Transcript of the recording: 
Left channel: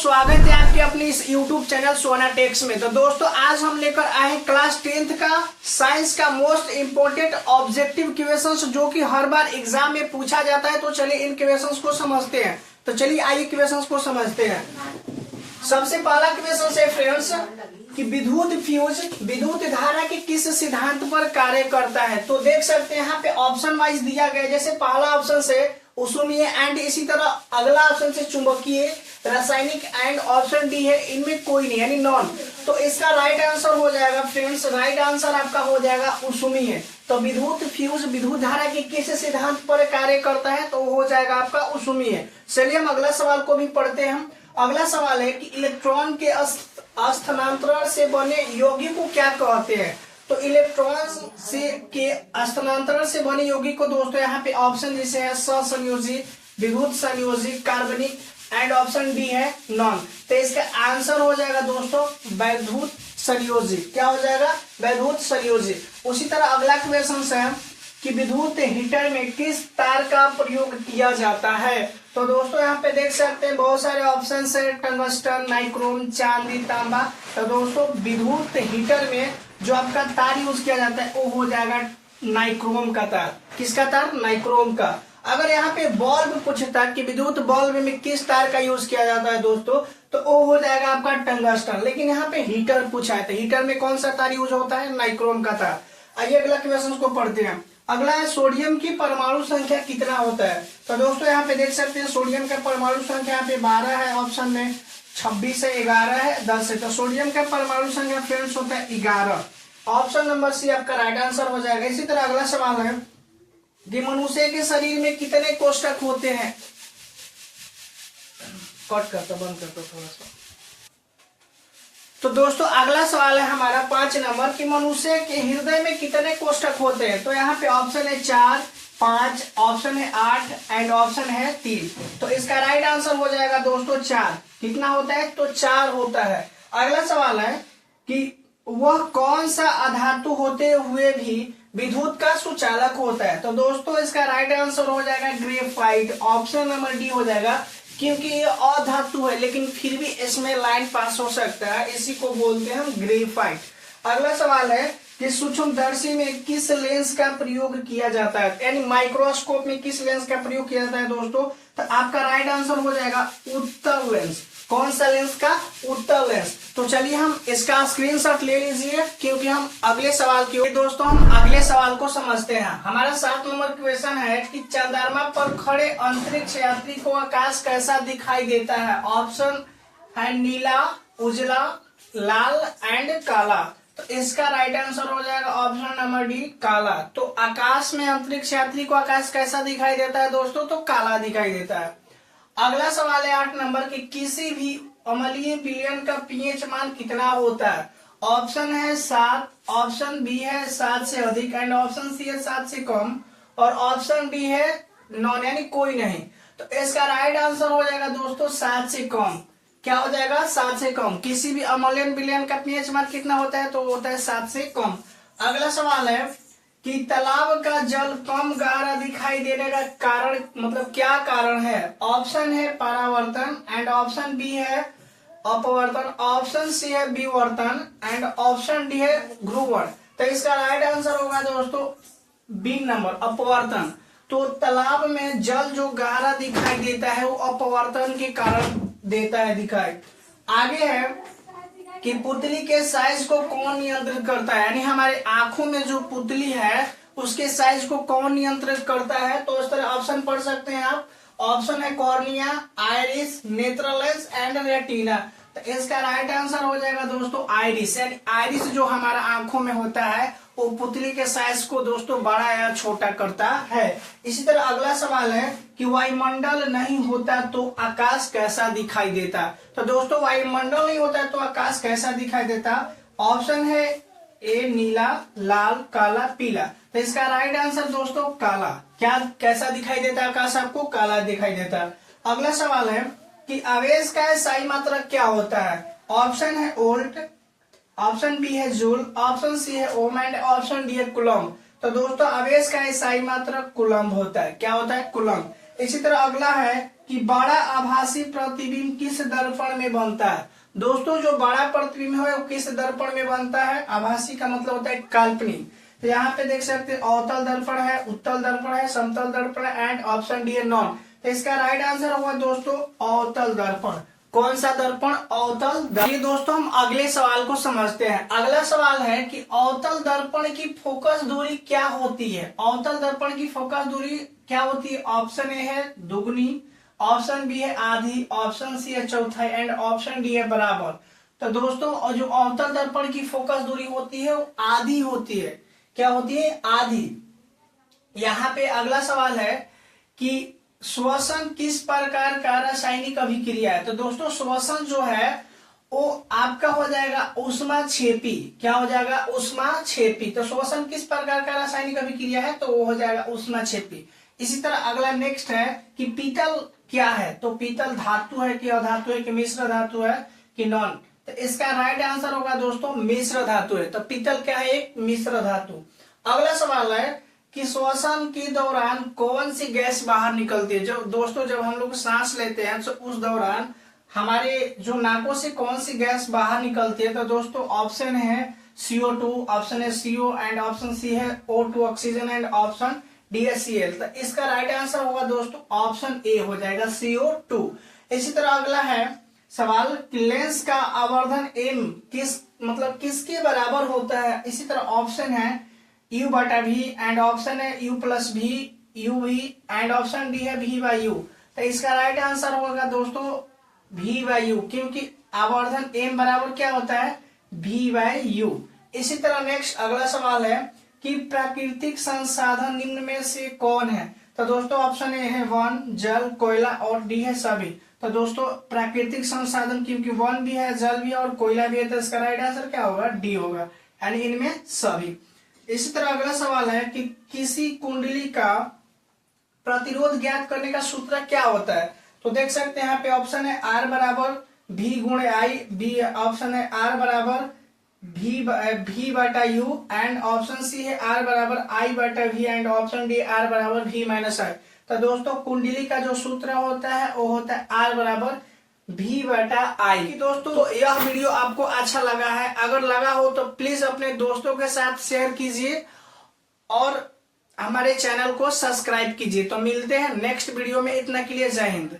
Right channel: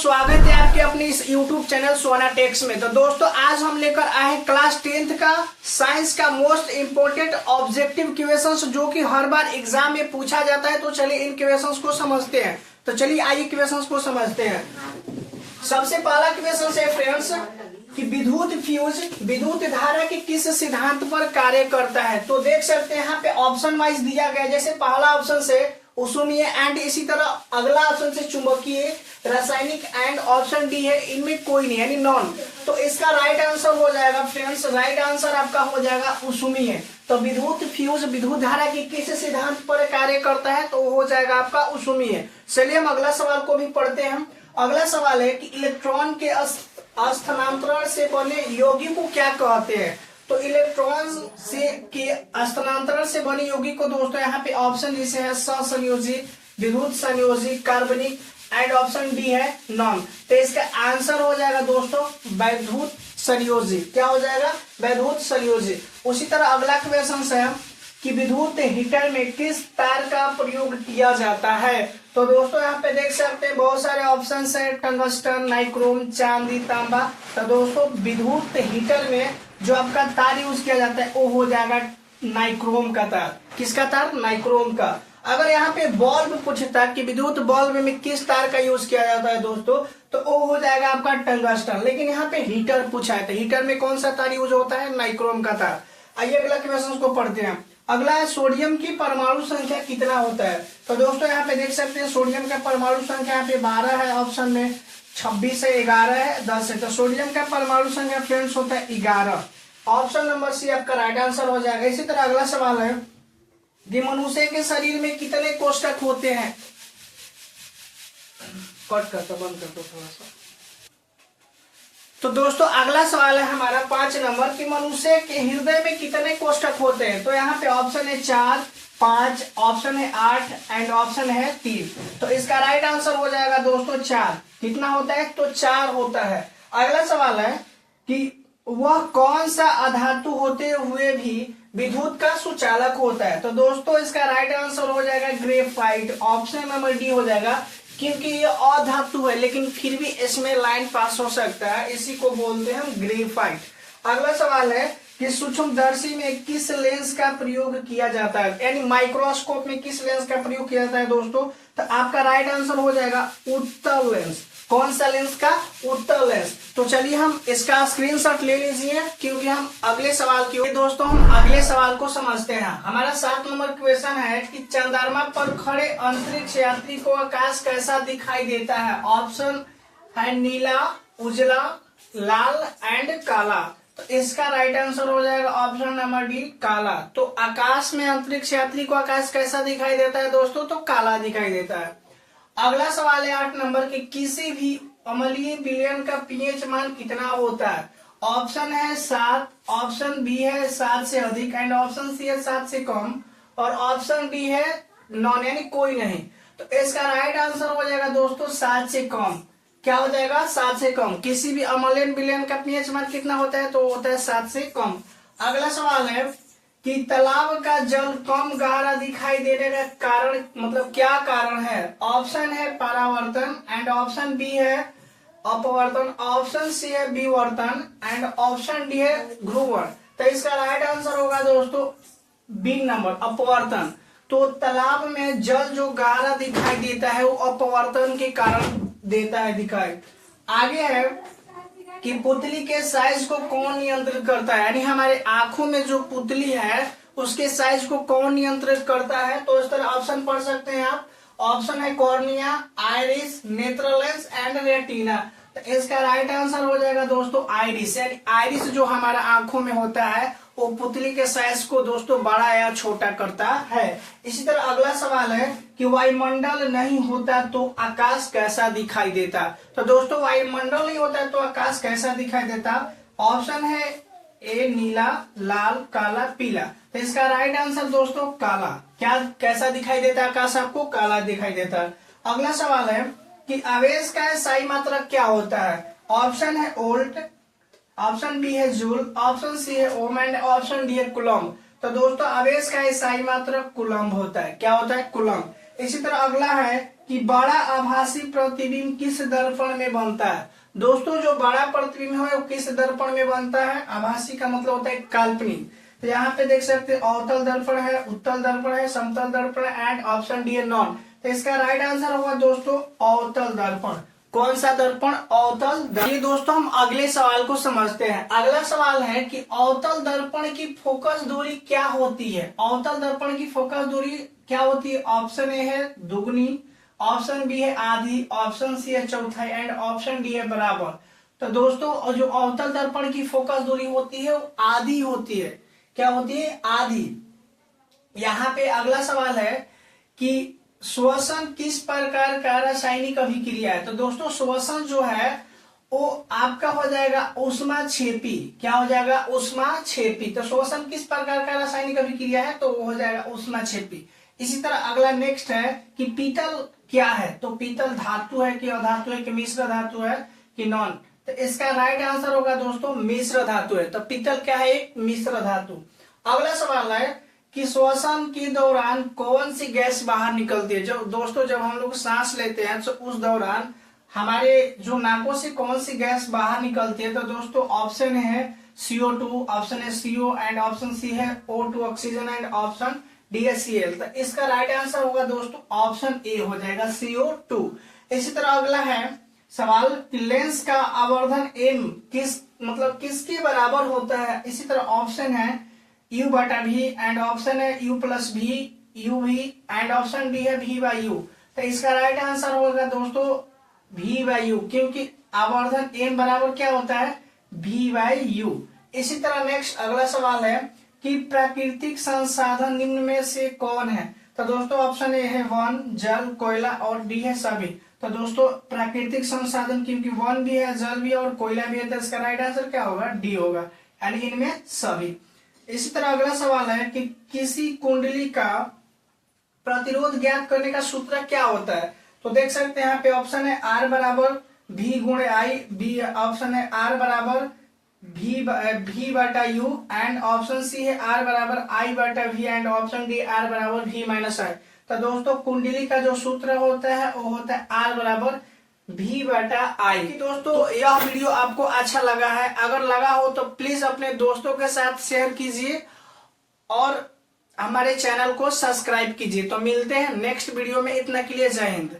स्वागत है आपके अपने इस YouTube चैनल सोना टेक्स में। तो दोस्तों आज हम लेकर आए हैं क्लास 10th का साइंस का मोस्ट इम्पोर्टेंट ऑब्जेक्टिव क्वेश्चंस जो कि हर बार एग्जाम में पूछा जाता है। तो चलिए इन क्वेश्चंस को समझते हैं। तो चलिए आइए क्वेश्चंस को समझते हैं। सबसे पहला क्वेश्चन है फ्रेंड्स कि विद्युत फ्यूज विद्युत धारा के किस सिद्धांत पर कार्य करता है। तो देख सकते हैं यहाँ पे ऑप्शन वाइज दिया गया। जैसे पहला ऑप्शन से ऊष्मीय एंड इसी तरह अगला ऑप्शन से चुंबकीय रासायनिक एंड ऑप्शन डी है इनमें कोई नहीं यानी नॉन। तो इसका राइट आंसर हो जाएगा फ्रेंड्स, राइट आंसर आपका हो जाएगा ऊष्मीय। तो विद्युत फ्यूज विद्युत धारा के किस सिद्धांत पर कार्य करता है तो हो जाएगा आपका ऊष्मीय। चलिए हम अगला सवाल को भी पढ़ते हैं। अगला सवाल है कि इलेक्ट्रॉन के स्थानांतरण से बने यौगिक को क्या कहते हैं। तो इलेक्ट्रॉन से के स्थानांतरण से बने यौगिक को दोस्तों यहाँ पे ऑप्शन जैसे है सहसंयोजी, विद्युत संयोजी, कार्बनिक एंड ऑप्शन डी है नॉन। तो इसका आंसर हो जाएगा दोस्तों वैद्युत संयोजी। क्या हो जाएगा? वैद्युत संयोजी। उसी तरह अगला क्वेश्चन है कि विद्युत हीटर में किस तार का प्रयोग किया जाता है। तो दोस्तों यहाँ पे देख सकते हैं बहुत सारे ऑप्शन है, टंगस्टन, नाइक्रोम, चांदी, तांबा। तो दोस्तों विद्युत हीटर में जो आपका तार यूज किया जाता है वो हो जाएगा नाइक्रोम का तार। किसका तार? नाइक्रोम का। अगर यहाँ पे बल्ब पूछता कि विद्युत बल्ब में किस तार का यूज किया जाता है दोस्तों तो वो हो जाएगा आपका टंगस्टन। लेकिन यहाँ पे हीटर पूछा है तो हीटर में कौन सा तार यूज होता है? नाइक्रोम का तार। आइए अगला क्वेश्चन को पढ़ते हैं। अगला है सोडियम की परमाणु संख्या कितना होता है। तो दोस्तों यहाँ पे देख सकते हैं सोडियम का परमाणु संख्या यहाँ पे 12 है, ऑप्शन में 26 है, 11 है, 10 है। तो सोडियम का परमाणु संख्या फ्रेंड्स होता है 11। ऑप्शन नंबर सी आपका राइट आंसर हो जाएगा। इसी तरह अगला सवाल है कि मनुष्य के शरीर में कितने कोष्ठक होते हैं। कट करता बंद करता थोड़ा सा। तो दोस्तों अगला सवाल है हमारा 5 नंबर कि मनुष्य के हृदय में कितने कोष्ठक होते हैं। तो यहाँ पे ऑप्शन है 4, 5, ऑप्शन है 8 एंड ऑप्शन है 3। तो इसका राइट आंसर हो जाएगा दोस्तों 4। कितना होता है? तो 4 होता है। अगला सवाल है कि वह कौन सा अधातु होते हुए भी विद्युत का सुचालक होता है। तो दोस्तों इसका राइट आंसर हो जाएगा ग्रेफाइट। ऑप्शन नंबर डी हो जाएगा क्योंकि ये अधातु है लेकिन फिर भी इसमें लाइन पास हो सकता है, इसी को बोलते हैं हम ग्रेफाइट। अगला सवाल है कि सूक्ष्मदर्शी में किस लेंस का प्रयोग किया जाता है, यानी माइक्रोस्कोप में किस लेंस का प्रयोग किया जाता है दोस्तों। तो आपका राइट आंसर हो जाएगा उत्तल लेंस। कौन सा लेंस का? उत्तल लेंस। तो चलिए हम इसका स्क्रीनशॉट ले लीजिए क्योंकि हम अगले सवाल की दोस्तों हम अगले सवाल को समझते हैं। हमारा 7 नंबर क्वेश्चन है कि चंद्रमा पर खड़े अंतरिक्ष यात्री को आकाश कैसा दिखाई देता है। ऑप्शन है नीला, उजला, लाल एंड काला। तो इसका राइट आंसर हो जाएगा ऑप्शन नंबर डी काला। तो आकाश में अंतरिक्ष यात्री को आकाश कैसा दिखाई देता है दोस्तों? तो काला दिखाई देता है। अगला सवाल है 8 नंबर की किसी भी अम्लीय विलयन का पीएच मान कितना होता है। ऑप्शन है 7, ऑप्शन बी है 7 से अधिक एंड ऑप्शन सी है 7 से कम और ऑप्शन डी है नॉन यानी कोई नहीं। तो इसका राइट आंसर हो जाएगा दोस्तों 7 से कम। क्या हो जाएगा? 7 से कम। किसी भी अम्लीय विलयन का पीएच मान कितना होता है? तो होता है 7 से कम। अगला सवाल है कि तालाब का जल कम गहरा दिखाई देने का कारण मतलब क्या कारण है। ऑप्शन है परावर्तन एंड ऑप्शन बी है अपवर्तन, ऑप्शन सी है विवर्तन एंड ऑप्शन डी है ध्रुवण। तो इसका राइट आंसर होगा दोस्तों बी नंबर अपवर्तन। तो तालाब में जल जो गहरा दिखाई देता है वो अपवर्तन के कारण देता है दिखाई। आगे है कि पुतली के साइज को कौन नियंत्रित करता है, यानी हमारे आंखों में जो पुतली है उसके साइज को कौन नियंत्रित करता है। तो इस तरह ऑप्शन पढ़ सकते हैं आप। ऑप्शन है कॉर्निया, आइरिस, नेत्रल लेंस एंड रेटिना। तो इसका राइट आंसर हो जाएगा दोस्तों आइरिस। यानी आइरिस जो हमारा आंखों में होता है वो पुतली के साइज को दोस्तों बड़ा या छोटा करता है। इसी तरह अगला सवाल है कि वायुमंडल नहीं होता तो आकाश कैसा दिखाई देता। तो दोस्तों वायुमंडल नहीं होता है तो आकाश कैसा दिखाई देता। ऑप्शन है ए नीला, लाल, काला, पीला। तो इसका राइट आंसर दोस्तों काला। क्या कैसा दिखाई देता आकाश? आपको काला दिखाई देता। अगला सवाल है कि आवेश का SI मात्रक क्या होता है। ऑप्शन है वोल्ट, ऑप्शन बी है जूल, ऑप्शन सी है ओम एंड ऑप्शन डी है कूलम। तो दोस्तों आवेश का SI मात्रक कूलम होता है। क्या होता है? कूलम। इसी तरह अगला है कि बड़ा आभासी प्रतिबिंब किस दर्पण में बनता है। दोस्तों जो बड़ा प्रतिबिंब है वो किस दर्पण में बनता है। आभासी का मतलब होता है काल्पनिक। तो यहाँ पे देख सकते हैं अवतल दर्पण है, उत्तल दर्पण है, समतल दर्पण है एंड ऑप्शन डी है नॉन। तो इसका राइट आंसर होगा दोस्तों अवतल दर्पण। कौन सा दर्पण? अवतल दर्पण। ये दोस्तों हम अगले सवाल को समझते हैं। अगला सवाल है कि अवतल दर्पण की फोकस दूरी क्या होती है। अवतल दर्पण की फोकस दूरी क्या होती है। ऑप्शन ए है दुगनी, ऑप्शन बी है आधी, ऑप्शन सी है चौथाई एंड ऑप्शन डी है बराबर। तो दोस्तों जो अवतल दर्पण की फोकस दूरी होती है वो आधी होती है। क्या होती है? आधी। यहाँ पे अगला सवाल है कि श्वसन किस प्रकार का रासायनिक अभिक्रिया है। तो दोस्तों श्वसन जो है वो आपका हो जाएगा ऊष्माक्षेपी। क्या हो जाएगा? ऊष्माक्षेपी। तो श्वसन किस प्रकार का रासायनिक अभिक्रिया है तो वो हो जाएगा ऊष्माक्षेपी। इसी तरह अगला नेक्स्ट है कि पीतल क्या है। तो पीतल धातु है कि अधातु है कि मिश्र धातु है कि नॉन। तो इसका राइट आंसर होगा दोस्तों मिश्र धातु है। तो पीतल क्या है? एक मिश्र धातु। अगला सवाल है कि श्वसन के दौरान कौन सी गैस बाहर निकलती है। जो दोस्तों जब हम लोग सांस लेते हैं तो उस दौरान हमारे जो नाकों से कौन सी गैस बाहर निकलती है। तो दोस्तों ऑप्शन है CO2, ऑप्शन है CO एंड ऑप्शन सी है O2 oxygen and option D है Cl। तो इसका राइट आंसर होगा दोस्तों ऑप्शन ए हो जाएगा CO2। इसी तरह अगला है सवाल लेंस का आवर्धन m किसके बराबर होता है। इसी तरह ऑप्शन है U/V एंड ऑप्शन है U+V, UV and option D है V/U। तो इसका राइट आंसर होगा दोस्तों V/U, क्योंकि आवर्धन m बराबर क्या होता है? V/U। इसी तरह नेक्स्ट अगला सवाल है कि प्राकृतिक संसाधन निम्न में से कौन है। तो दोस्तों ऑप्शन ए है वन, जल, कोयला और डी है सभी। तो दोस्तों प्राकृतिक संसाधन क्योंकि वन भी है, जल भी और कोयला भी है, तो इसका राइट आंसर क्या होगा? डी होगा, यानी इनमें सभी। इसी तरह अगला सवाल है कि किसी कुंडली का प्रतिरोध ज्ञात करने का सूत्र क्या होता है। तो देख सकते हैं यहाँ पे ऑप्शन है R बराबर V/I, बी ऑप्शन है R बराबर V/U एंड ऑप्शन सी है R बराबर I/V and option D R बराबर V-I। तो दोस्तों कुंडली का जो सूत्र होता है वो होता है R बराबर V/I। दोस्तों यह वीडियो आपको अच्छा लगा है, अगर लगा हो तो प्लीज अपने दोस्तों के साथ शेयर कीजिए और हमारे चैनल को सब्सक्राइब कीजिए। तो मिलते हैं नेक्स्ट वीडियो में, इतना के लिए जय हिंद।